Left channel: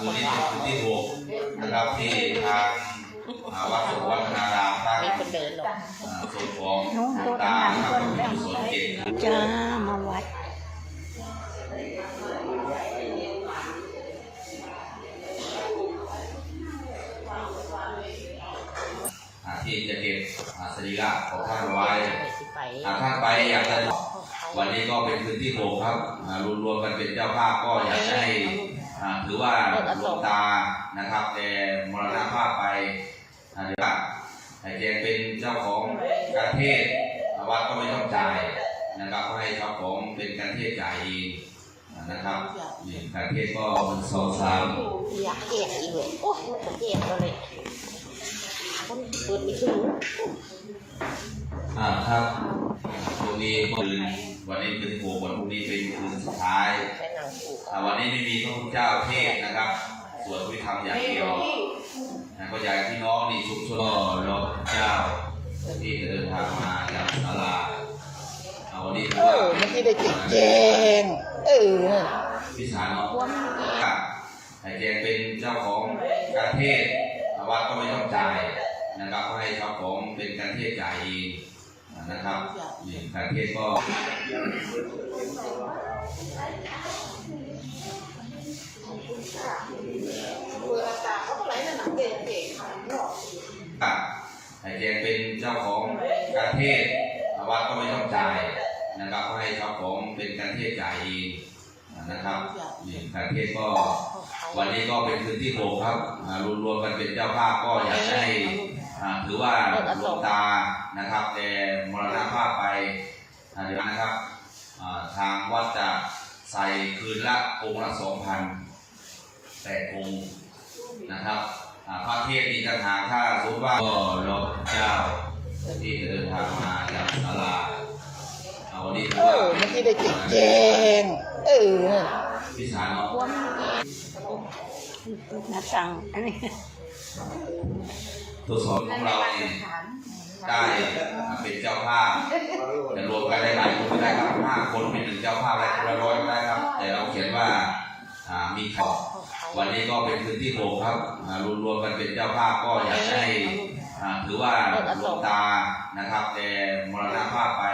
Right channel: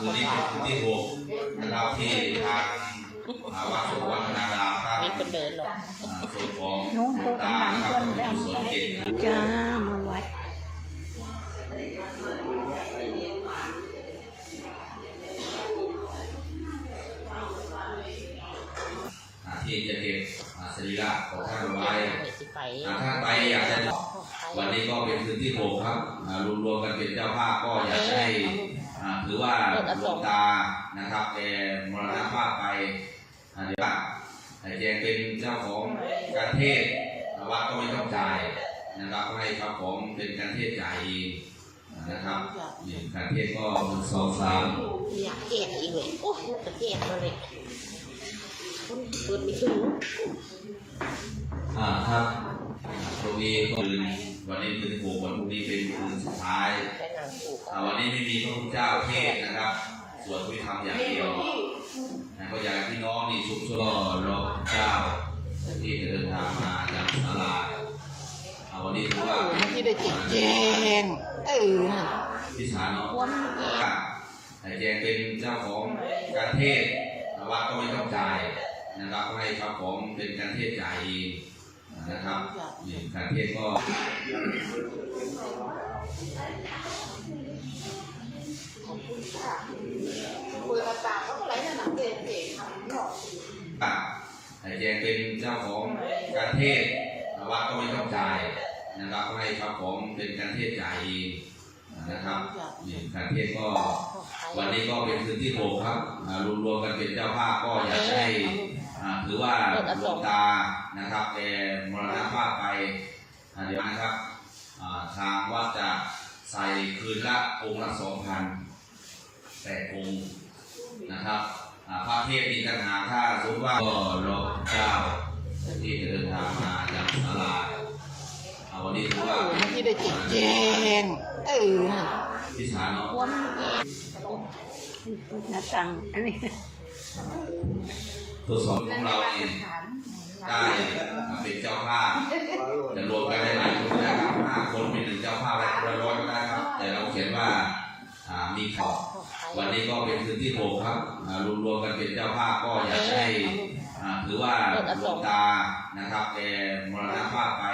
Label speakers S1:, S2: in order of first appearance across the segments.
S1: คืนนี้เป็นคืนที่หกนะครับที่ทางวัดสุวัฒนารามตั้ง
S2: เดินหรอ
S1: ส่วนของ
S3: นู้นตัว
S1: ต่า
S3: งๆ
S1: ค
S3: นแล้ว
S1: ส่วนเก่ง
S3: จ้ามาวัด
S1: ที่จะเก็บสรีระของท่านไว้
S2: ไปสิไป
S1: อ่าท่านไปอยากจะวันนี้ก็เป็นคืนที่หกครับรวมรวมๆกันเป็นเจ้าภาพก็อยากให้ ถือว่าหลวงตานะครับแกมรณภาพไปอ่าเดี๋ยวว่าแแกเป็นเจ้าของการเทศวัดก็ไม่ต้องจ่ายนะครับให้เจ้าของเป็นการเทศจ่ายเองนะครับนี่การเทศก็หนึ่งสองสาม
S2: อยากเกลียดอีกเลยโอ้จะเกลียดเลยคนเกิดไม่ถึง
S1: อ่าครับตรงนี้ก็คืนวันนี้คืนที่หกวันพรุ่งนี้เป็นคืนสุดท้าย
S2: แค่นางผูก
S1: อ่าวันนี้ไม่มีพระพุทธเจ้าเทศน์นะครับสวดพิธรรมอย่างเดียวนะก็อยากให้พี่น้องนี่ชุมชนก็รอพระเจ้าที่จะเดินทางมาจากศาลาเอาวันนี้ถือ
S3: เอ
S1: ว่า
S3: อมันที่ได้จิตแจงเออ
S1: พิสารเนาะ
S2: ว่ามันแย่
S1: แต่แกเป็นเจ้าของการเทศน์วัดก็ไม่ต้องจ่ายนะครับก็ให้เจ้าของเป็นการเทศน์จ่ายเอง นะครับนี่การเทศน์ก็แต่แกเป็นเจ้าของการเทศน์วัดก็ไม่ต้องจ่ายนะครับก็ให้เจ้าของเป็นการเทศน์จ่ายเองนะครับนี่การเทศน์ก็วันนี้ก็เป็นคืนที่หกครับอ่ารวมรวมๆกันเป็นเจ้าภาพก็อยากจะให้อ่า ถือว่าหลวงตานะครับแกมรณภาพไปอ่าเดี๋ยวนะครับอ่าทางวัดจะใส่คืนละองค์ละสองพันแปดองค์นะครับอ่าพระเทศน์มีต่างหากถ้าสมมติว่าก็รอพระเจ้าที่จะเดินทางมาจากศาลาเอาวันนี้ถือ
S3: เอ
S1: ว่า
S3: อมันที่ได้จิตแจงเออ
S1: พิสารเนาะ
S2: ว่ามันแย่
S3: นาสั่งอันนี้
S1: ตัวสอนของเราเนี่ยได้เป็นเจ้าภาพจะรวมกันได้หลายคนได้ครับห้าคนเป็นหนึ่งเจ้าภาพอะไรคนละร้อยก็ได้ครับ แต่เราเขียนว่ามีขอบวันนี้ก็เป็นคืนที่หกครับรวมรวมๆกันเป็นเจ้าภาพก็อยากให้ถือว่าหลวงตานะครับแกมรณภาพไป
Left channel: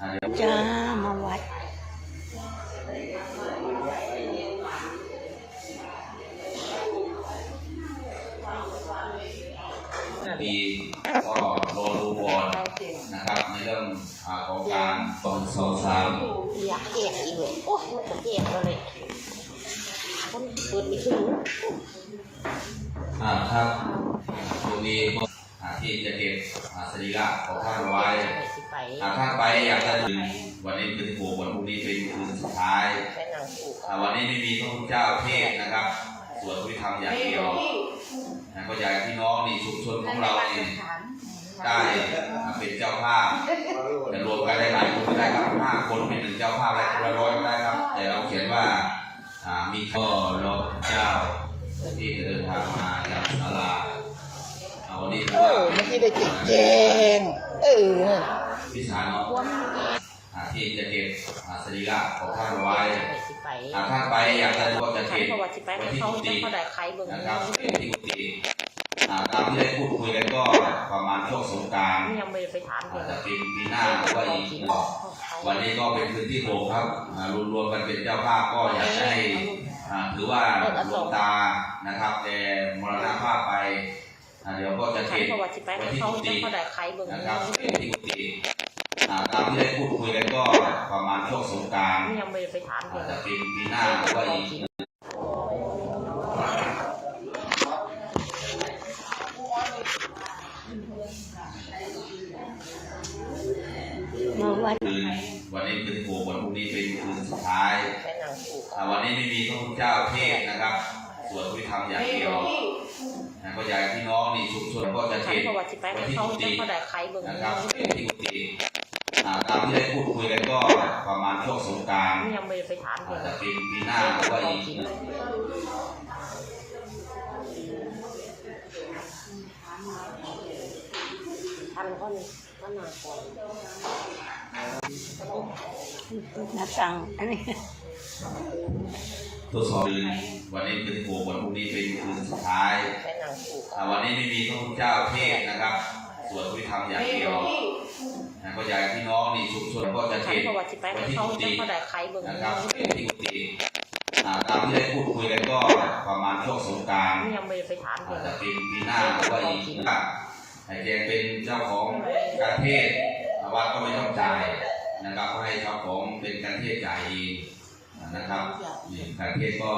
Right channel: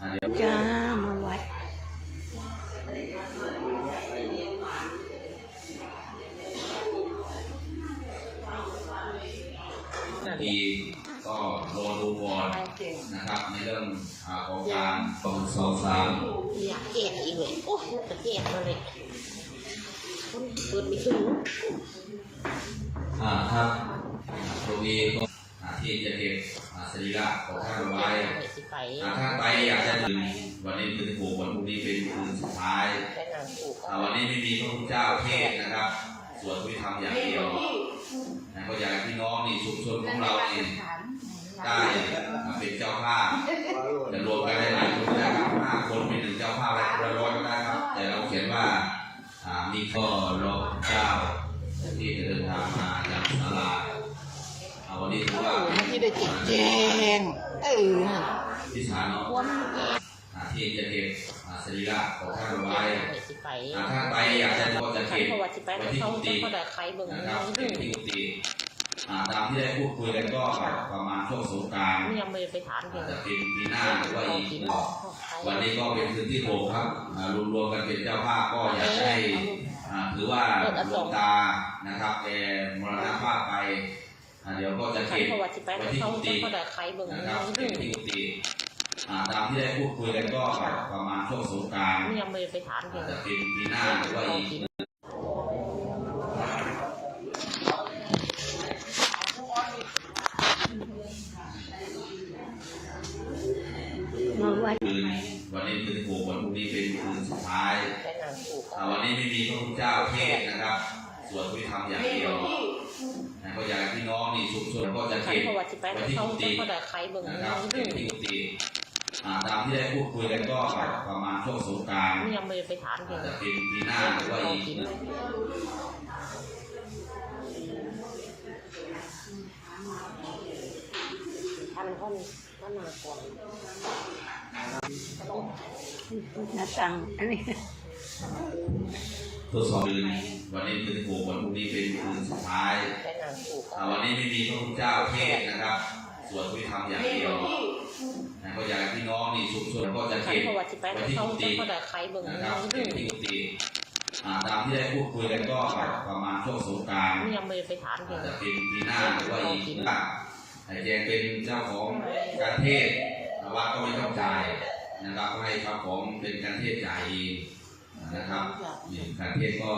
S1: อ่าเดี๋ยว
S3: จ้ามาวัด
S1: สองสองสาม
S2: อยากเกลียดอีกเลยโอ้จะเกลียดเลยคนเกิดไม่ถึง
S1: อ่าครับตรงนี้ก็อ่าที่จะเก็บอ่าสรีระของท่านเอาไว้
S2: ไปสิไป
S1: อ่าท่านไปอยากจะดื่มวันนี้คือที่หกวันพรุ่งนี้เป็นคืนสุดท้าย
S2: แค่นางผูก
S1: อ่าวันนี้ไม่มีพระพุทธเจ้าเทศน์นะครับสวดพิธรรมอย่างเดียวนะก็อยากให้พี่น้องนี่ชุมชนของเรานี่ ได้อ่าเป็นเจ้าภาพจะรวมกันได้หลายคนก็ได้ครับห้าคนเป็นหนึ่งเจ้าภาพอะไรคนละร้อยก็ได้ครับ แต่เราเขียนว่าอ่ามีข้อรอพระเจ้าที่จะเดินทางมาจากศาลาเอาวันนี้ถื
S3: เอ
S1: อว่า
S3: อมันที่ได้จิตแจงเออ
S1: พิสารเนาะ
S2: ว่ามันแย่
S1: อ่าที่จะเก็บอ่าสรีระของท่านเอาไว้
S2: ไปสิไป
S1: อ่าท่านไปอยากจะก็จะ
S2: ขัน
S1: เก็บ
S2: ประวัติสิไป
S1: ไว้
S2: แล้ว
S1: ที่
S2: เขา
S1: กุ
S2: จะ
S1: ฏิ
S2: เขาได้ใครเบิ่ง
S1: นะครับ
S2: นี่
S1: ที่กุฏิ อ่าตามที่ได้พูดคุยกันก็ประมาณช่วงสงกราร
S2: ยังไม่ไปถาม
S1: อา
S2: เดี๋ยว
S1: จจะเป็นปีหน้าหรือว่าอีกวันนี้ก็เป็นคืนที่หกครับอ่ารวมรวมๆกันเป็นเจ้าภาพก็อยากจะให้อ่าถือว่าหลวงตานะครับแกมรณภาพไปอ่าเดี๋ยวก็จะ
S2: ขัน
S1: เก็บ
S2: ประวัติสิไป
S1: ไว้
S2: แล้ว
S1: ที่
S2: เขา
S1: กุ
S2: จะ
S1: ฏิ
S2: เขาได้ใครเบิ่ง
S1: นะครับ
S2: นี่
S1: ที่กุฏิอ่าตามที่ได้พูดคุยกันก็ประมาณช่วงสงกราร
S2: ยังไม่ไปถาม
S1: อา
S2: เดี๋ยว
S1: จจะเป็นปีหน้าหรือว่าอีก คืนวันนี้คืนที่หกวันพรุ่งนี้เป็นคืนสุดท้าย
S2: แค่นางผูก
S1: อ่าวันนี้ไม่มีพระพุทธเจ้าเทศน์นะครับสวดพิธรรมอย่างเดียวนะก็อยากให้พี่น้องนี่ชุมชนก็จะ
S2: ขัน
S1: เก็บ
S2: ประวัติสิไป
S1: ไว้
S2: แล้ว
S1: ที่
S2: เขา
S1: กุ
S2: จะ
S1: ฏิ
S2: เขาได้ใครเบิ่ง
S1: นะครับ
S2: นี่
S1: ที่กุฏิอ่าตามที่ได้พูดคุยกันก็ประมาณช่วงสงกราร
S2: ยังไม่ไปถามเดี๋
S1: อา
S2: ยว
S1: จจะเป็นปีหน้าหรือว่าอีก
S2: พันคนก็นานก่อ น
S3: นาสั่งอันนี้
S1: ทดสอบคืนวันนี้คืนที่หกวันพรุ่งนี้เป็นคืนสุดท้าย
S2: ใช้หนังผูก
S1: อ่าวันนี้ไม่มีพระพุทธเจ้าเทศน์นะครับสวดพิธรรมอย่างเดียวนะก็อยากให้พี่น้องนี่ชุมชนก็จะ
S2: ขัน
S1: เก็บ
S2: ประวัติไป
S1: ไว้
S2: ให้
S1: ที่
S2: เขา
S1: กุ
S2: จะ
S1: ฏิ
S2: เขาได้ใครเบิ่ง
S1: นะค
S2: แล้
S1: รับ
S2: ว
S1: เก็บที่กุฏิอ่าตามที่ได้พูดคุยกันก็ประมาณช่วงสงกราร
S2: นี่ยังไม่ได้ไปถามเล
S1: อาจ
S2: ย
S1: จะเป็นปีหน้าหรือว่าอีกนะครับไอ้แกเป็นเจ้าของการเทศน์วัดก็ไม่ต้องจ่าย นะครับก็ให้เจ้าของเป็นการเทศน์จ่ายเองนะครับนี่การเทศน์ก็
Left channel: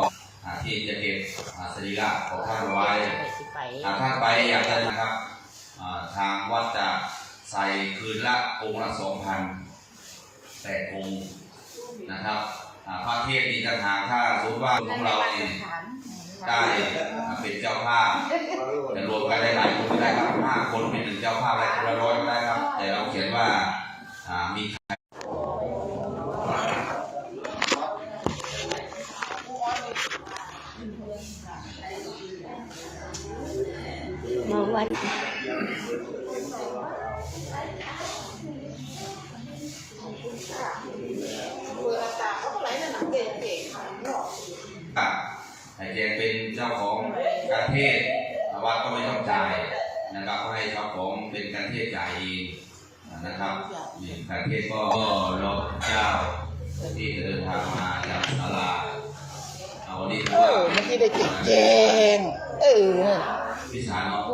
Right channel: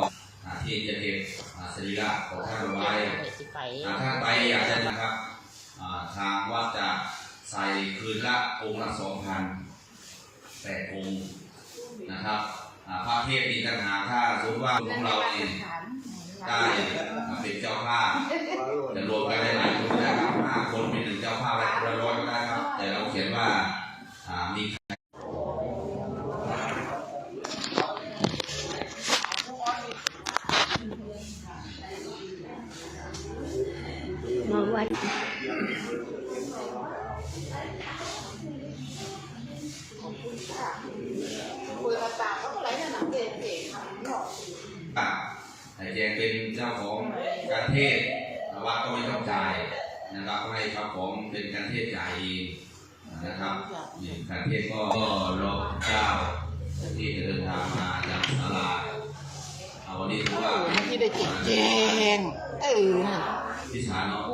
S1: หาที่จะเก็บอ่าสรีระของท่านเอาไว้
S2: ไป
S1: หากท่านไปอยากจะนะครับอ่าทางวัดจะใส่คืนละองค์ละสองพันแปดองค์นะครับอ่าพระเทศน์นี่ต่างหากถ้าสมมติว่าของเราเนี่ยได้อ่าเป็นเจ้าภาพจะรวมกันได้หลายคนก็ได้ครับห้าคนเป็นหนึ่งเจ้าภาพและคนละร้อยก็ได้ครับ แต่เราเขียนว่าอ่ามี
S3: มาวัด
S1: ครั บไอ้แกเป็นเจ้าของการเทศน์วัดก็ไม่ต้องจ่ายนะครับก็ให้เจ้าของเป็นการเทศน์จ่ายเองนะครับนี่การเทศน์ก็รอเจ้าที่เดินทางมาจากศาลาเอาวันนี้ถือ
S3: เอ
S1: ว่า
S3: อเมื่อกี้ได้จิตแจง เออ
S1: พิสารเนาะ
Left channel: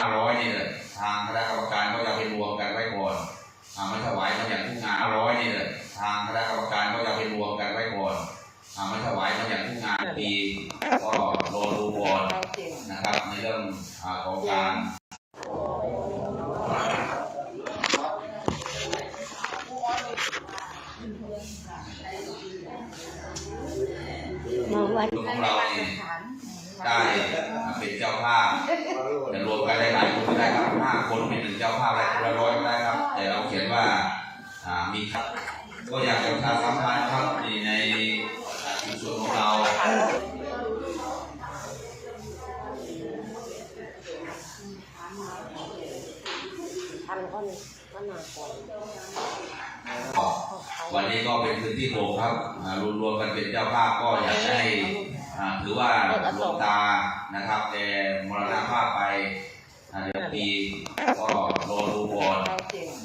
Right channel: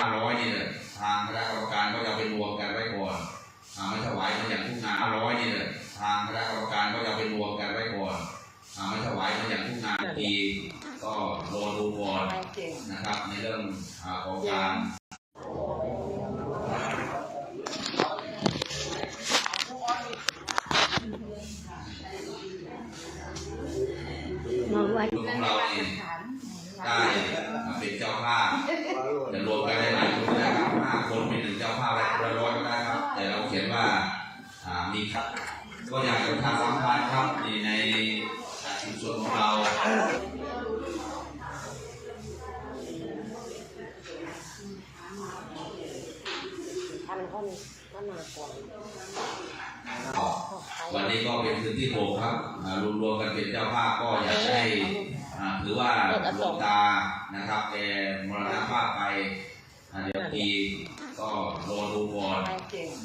S1: ห้าร้อยนี่เลยทางคณะกรรมการก็จะไปรวมกันไว้ก่อนอ่าไม่ถวายมันอย่างทุกงานห้าร้อยนี่เลยทางคณะกรรมการก็จะไปรวมกันไว้ก่อนอ่าไม่ถวายมันอย่างทุกงานปีก็รอดูก่อนนะครับในเรื่องอาของการ
S3: มาวัด
S1: ของเราเนี่ยได้ เป็นเจ้าภาพจะรวมกันได้หลายคนก็ได้ครับห้าคนเป็นหนึ่งเจ้าภาพและคนละร้อยก็ได้ครับ แต่เราเขียนว่าอ่ามีครับ ก็อยากจะพาสัมภาษณ์ครับในในชุมชนของเรา
S2: พันคนก็มาก่อน
S1: วันนี้ก็เป็นคืนที่หกครับอ่ารวมรวมๆกันเป็นเจ้าภาพก็อยากให้อ่า ถือว่าหลวงตานะครับแกมรณภาพไปอ่าเดี๋ยวปีก็รอดูก่อน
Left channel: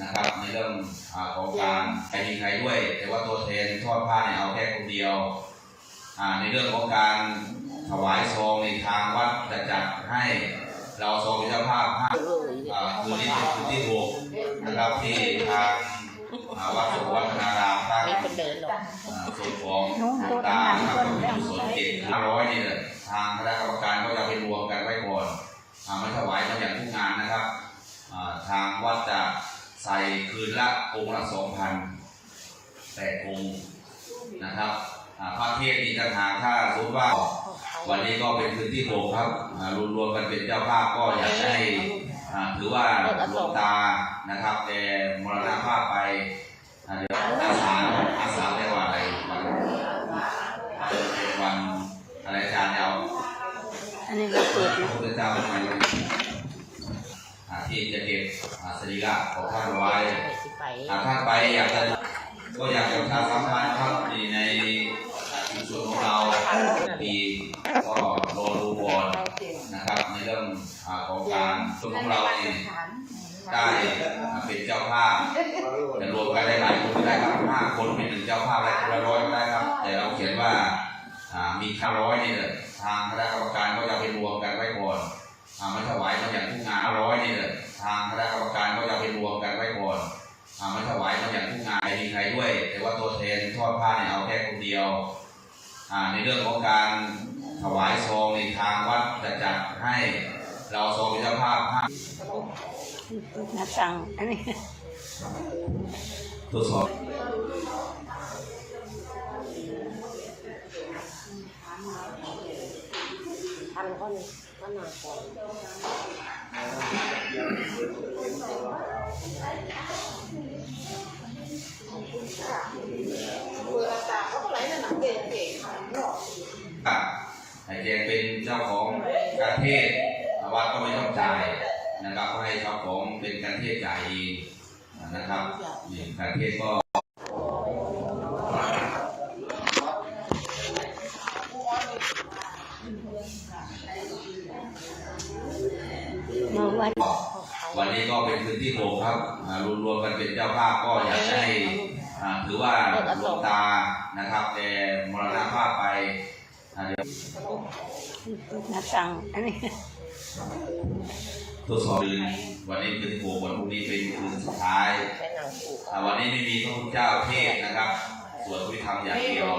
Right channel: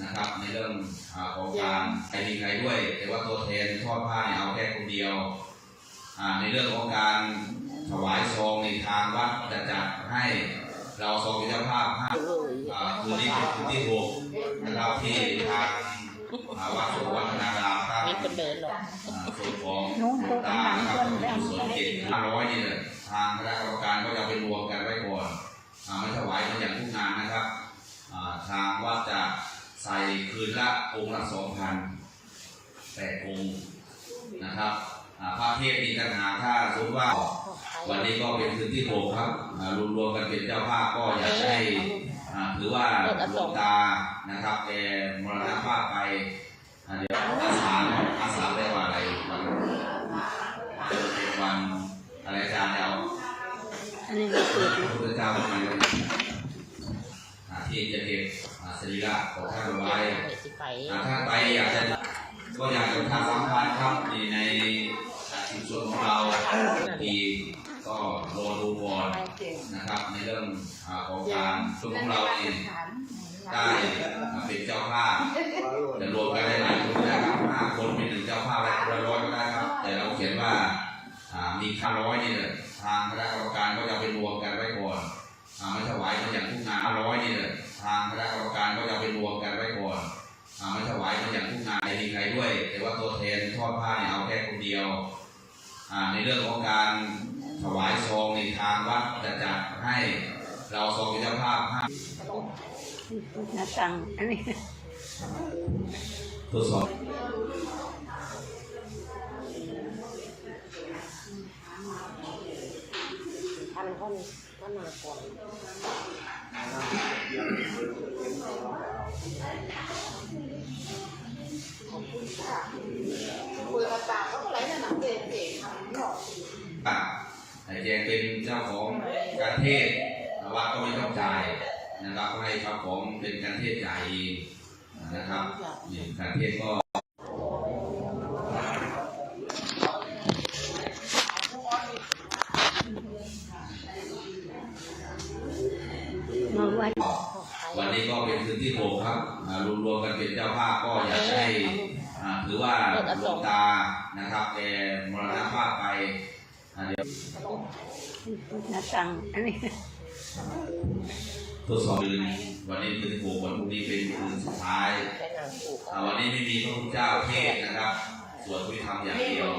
S1: นะครับ ในเรื่องอาของการใครมีใครด้วย แต่ว่าตัวแทนทอดผ้าเนี่ยเอาแค่คนเดียวอ่าในเรื่องของการถวายซองในทางวัดจะจัดให้เราซองเป็นเจ้าภาพห้า
S2: เลย
S1: อ่าคืนนี้เป็นคืนที่หกนะครับที่ทาง อ่าวัดสุวัฒนารามตั้ง
S2: มีคนเดินหรอก
S1: อ่าส่วนของ
S3: นู้นตัว
S1: ตา
S3: ต่างๆคนแล้
S1: ส่วนเจ็ดห้าร้อยนี่เลยทางคณะกรรมการก็จะไปรวมกันไว้ก่อนอ่าไม่ถวายมันอย่างทุกงานนะครับอ่าทางวัดจะใส่คืนละองค์ละสองพันแปดองค์นะครับอ่าพระเทศน์นี่ต่างหากถ้าสมมติว่าวันนี้ก็เป็นคืนที่หกครับอ่ารวมรวมๆกันเป็นเจ้าภาพก็อยากให้อ่าถือว่าหลวงตานะครับแกมรณภาพไป อาเดี๋ยวอาสาอาสาเรียกว่าอะไรวันเป็นวันอะไรอาจารย์จะเอา
S3: อันนี้ก็เปิด
S1: พระพุทธเจ้ามาอ่าที่จะเก็บอาสรีระของท่านไว้หากท่านไปอยากจะก็อยากจะพาสัมภาษณ์ครับในในชุมชนของเราปีก็รอดูก่อนนะครับในเรื่องอาของการชุมชนของเราเนี่ย ได้เป็นเจ้าภาพจะรวมกันได้หลายคนก็ได้ครับห้าคนเป็นหนึ่งเจ้าภาพและคนละร้อยก็ได้ครับ แต่เราเขียนว่าอ่ามีค่าร้อยนี่เลยทางคณะกรรมการก็จะไปรวมกันไว้ก่อนอ่าไม่ถวายมันอย่างทุกงานร้อยนี่เลยทางคณะกรรมการก็จะไปรวมกันไว้ก่อนอ่าไม่ถวายมันอย่างทุกงานไม่มีใครด้วย แต่ว่าตัวแทนทอดผ้าเนี่ยเอาแค่คนเดียวอ่าในเรื่องของการถวายซองในทางวัดจะจัดให้เราซองเป็นเจ้าภาพห้า
S3: หน้าต่างอันนี้
S1: ทดสอบ
S2: พันคนก็มาก่อน
S1: ครับไอ้แกเป็นเจ้าของการเทศน์วัดก็ไม่ต้องจ่าย นะครับให้เจ้าของเป็นการเทศน์จ่เองนะครับนี่การเทศก็
S3: วั
S1: นนี้ก็เป็นคืนที่หกครับรวมๆกันเป็นเจ้าภาพก็อยากให้ถือว่าหลวงตานะครับแกมรณภาพไปเดี๋ยว
S3: หน้าต่งอันนี้
S1: ทดสอบคืนวันนี้คืนที่หกวันพรุ่งนี้เป็นคืนสุดท้าย
S2: แต่หนังผูก
S1: อ่าวันนี้ไม่มีพระพุทธเจ้าเทศน์นะครับสวดพระธรรมอย่างเดียว